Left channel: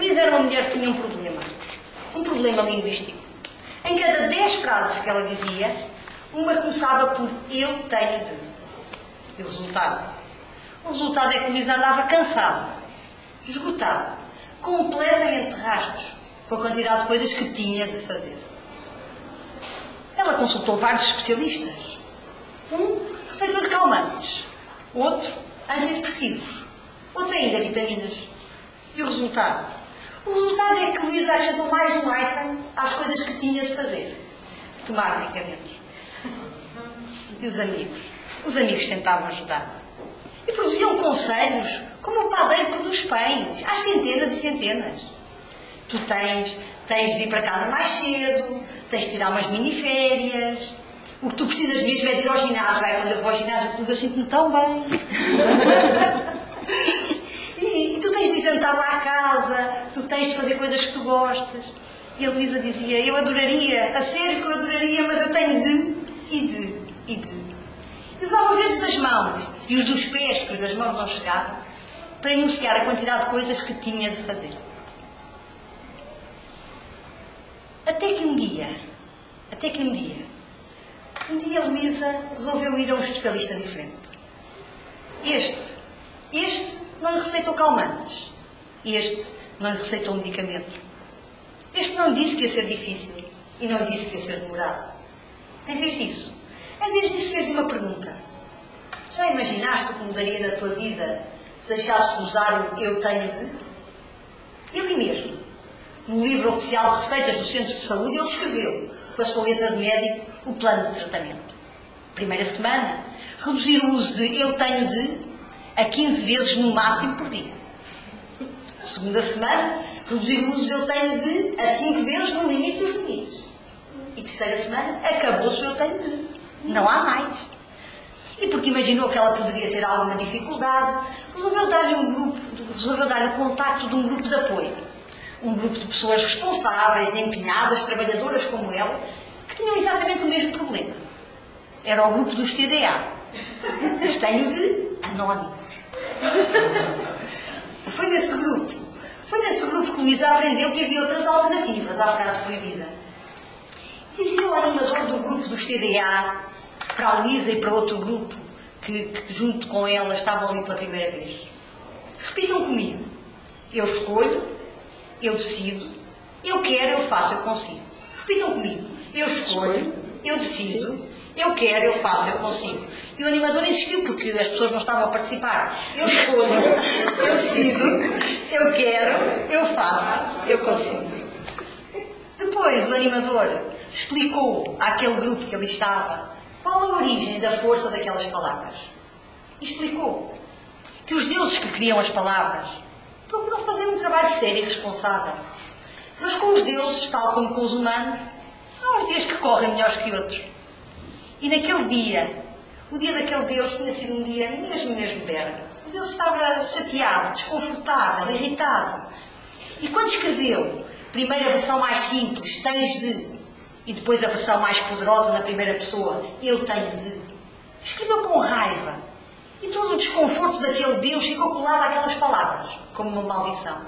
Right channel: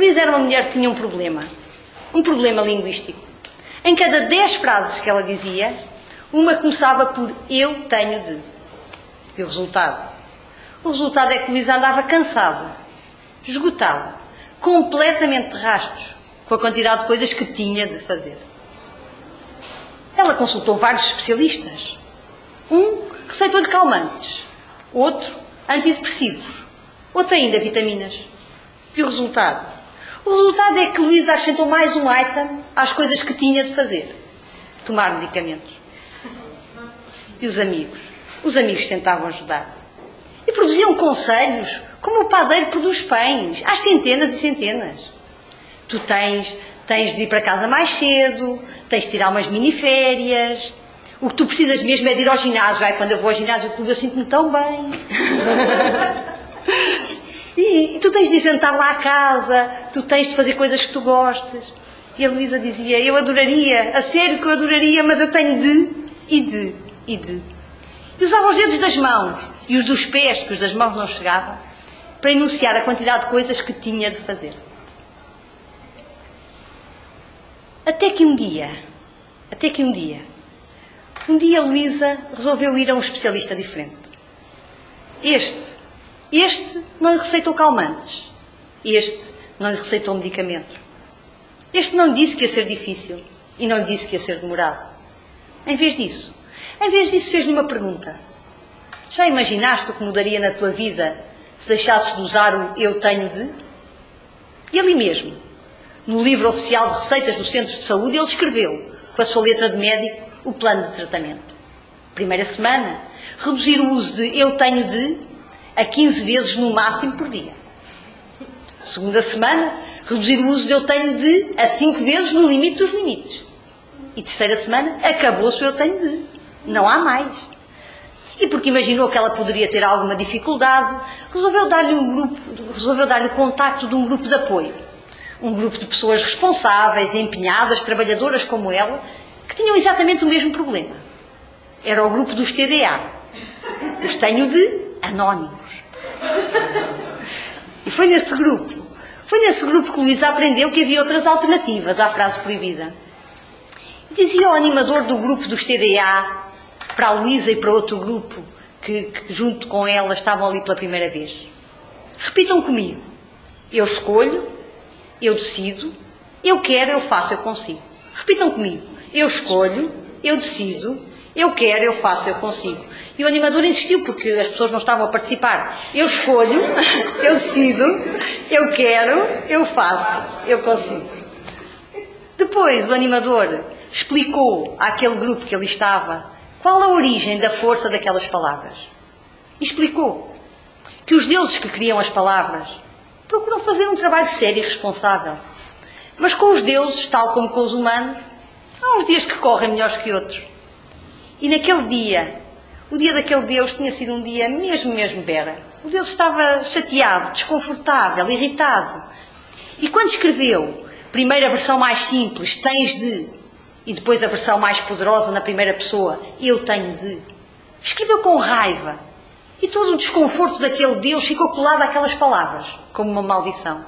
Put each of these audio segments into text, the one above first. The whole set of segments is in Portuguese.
Luísa era uma mulher que tinha um problema linguístico. Em cada 10 frases que ela dizia, uma começava por eu tenho de. E o resultado? O resultado é que Luísa andava cansada, esgotada, completamente de rastros, com a quantidade de coisas que tinha de fazer. Ela consultou vários especialistas. Um receitou-lhe calmantes, outro antidepressivos, outro ainda vitaminas. E o resultado? O resultado é que Luísa acrescentou mais um item às coisas que tinha de fazer. Tomar medicamentos. E os amigos? Os amigos tentavam ajudar. E produziam conselhos, como o padeiro produz pães, às centenas e centenas. Tu tens de ir para casa mais cedo, tens de tirar umas mini-férias. O que tu precisas mesmo é de ir ao ginásio. Quando eu vou ao ginásio, eu sinto-me tão bem. E tu tens de jantar lá à casa, tu tens de fazer coisas que tu gostas. E a Luísa dizia, eu adoraria, a sério que eu adoraria, mas eu tenho de. E usava os dedos das mãos e os dos pés, que os das mãos não chegavam, para enunciar a quantidade de coisas que tinha de fazer. Até que um dia, Luísa resolveu ir a um especialista diferente. Este não lhe receitou calmantes. Este não lhe receitou medicamentos. Este não lhe disse que ia ser difícil e não lhe disse que ia ser demorado. Em vez disso, fez-lhe uma pergunta. Já imaginaste o que mudaria na tua vida se deixasses de usar o eu tenho de? E ali mesmo, no livro oficial de receitas dos centros de saúde, ele escreveu, com a sua letra de médico, o plano de tratamento. Primeira semana, reduzir o uso de eu tenho de a 15 vezes no máximo por dia. Segunda semana, reduzir o uso de eu tenho de a 5 vezes no limite dos limites. E terceira semana, acabou-se o eu tenho de. Não há mais. E porque imaginou que ela poderia ter alguma dificuldade, resolveu dar-lhe o contacto de um grupo de apoio. Um grupo de pessoas responsáveis, empenhadas, trabalhadoras como ela, que tinham exatamente o mesmo problema. Era o grupo dos TDA. Os tenho de anónimos. E foi nesse grupo que Luísa aprendeu que havia outras alternativas à frase proibida. Dizia o animador do grupo dos TDA para a Luísa e para outro grupo que junto com ela estavam ali pela primeira vez. Repitam comigo. Eu escolho, eu decido, eu quero, eu faço, eu consigo. Repitam comigo. Eu escolho, eu decido, eu quero, eu faço, eu consigo. E o animador insistiu porque as pessoas não estavam a participar. Eu escolho, eu decido, eu quero, eu faço, eu consigo. Depois o animador explicou àquele grupo que ali estava qual a origem da força daquelas palavras. E explicou que os deuses que criam as palavras procuram fazer um trabalho sério e responsável. Mas com os deuses, tal como com os humanos, há uns dias que correm melhores que outros. E naquele dia, o dia daquele Deus tinha sido um dia mesmo bera. O Deus estava chateado, desconfortável, irritado. E quando escreveu, primeiro a versão mais simples, tens de, e depois a versão mais poderosa na primeira pessoa, eu tenho de, escreveu com raiva. E todo o desconforto daquele Deus ficou colado àquelas palavras, como uma maldição.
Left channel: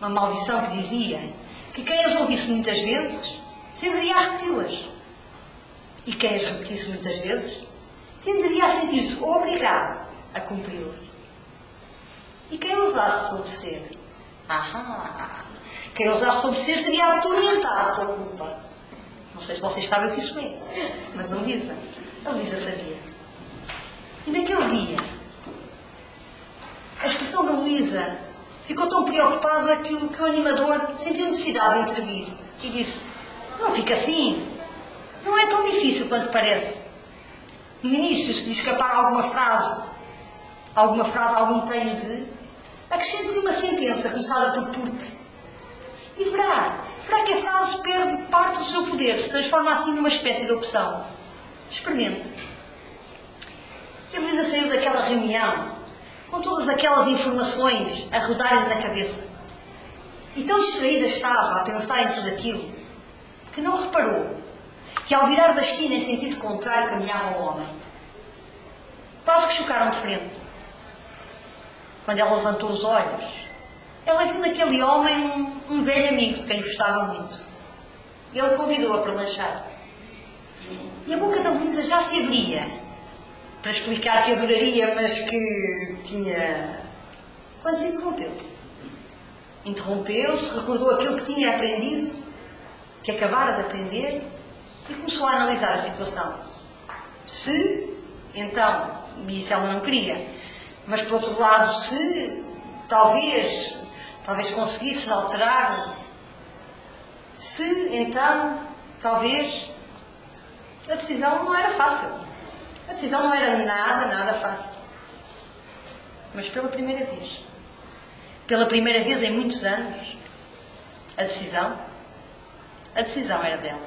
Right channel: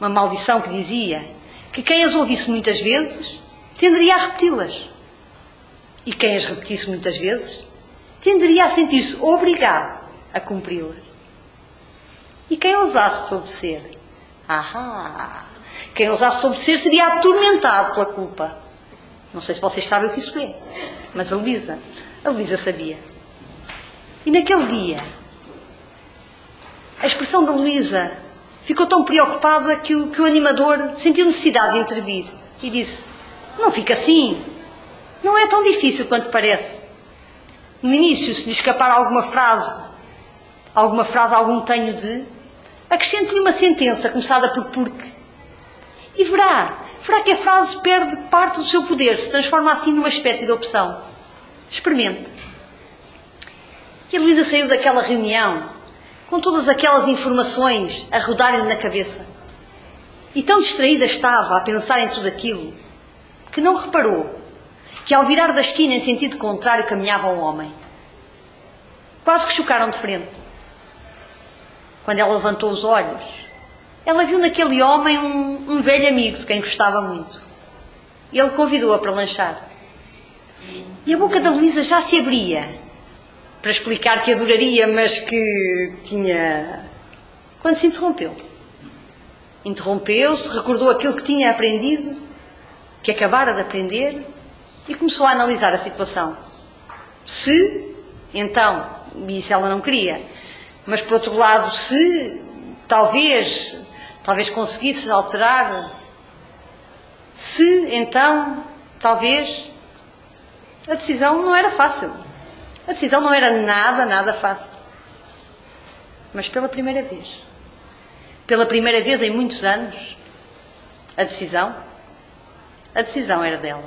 Uma maldição que dizia que quem as ouvisse muitas vezes tenderia a repeti-las. E quem as repetisse muitas vezes tenderia a sentir-se obrigado a cumpri-las. E quem ousasse desobedecer? Quem ousasse desobedecer seria atormentado pela culpa. Não sei se vocês sabem o que isso é, mas a Luísa sabia. E naquele dia, a expressão da Luísa ficou tão preocupada que o animador sentiu necessidade de intervir e disse: não fica assim. Não é tão difícil quanto parece. No início, se lhe escapar alguma frase, algum tenho de, acrescente-lhe uma sentença começada por porque. E verá que a frase perde parte do seu poder, se transforma assim numa espécie de opção. Experimente. E a Luísa saiu daquela reunião com todas aquelas informações a rodarem-lhe na cabeça. E tão distraída estava a pensar em tudo aquilo que não reparou que ao virar da esquina em sentido contrário caminhava um homem. Quase que chocaram de frente. Quando ela levantou os olhos, ela viu naquele homem um velho amigo de quem gostava muito. Ele convidou-a para lanchar. E a boca da Luísa já se abria para explicar que adoraria, mas que tinha... Quando se interrompeu. Interrompeu-se, recordou aquilo que tinha aprendido, que acabara de aprender, e começou a analisar a situação. Se, então, e isso ela não queria, mas por outro lado, se talvez conseguisse alterar, se, então, talvez, a decisão não era fácil. A decisão não era nada fácil. Mas pela primeira vez em muitos anos, a decisão era dela.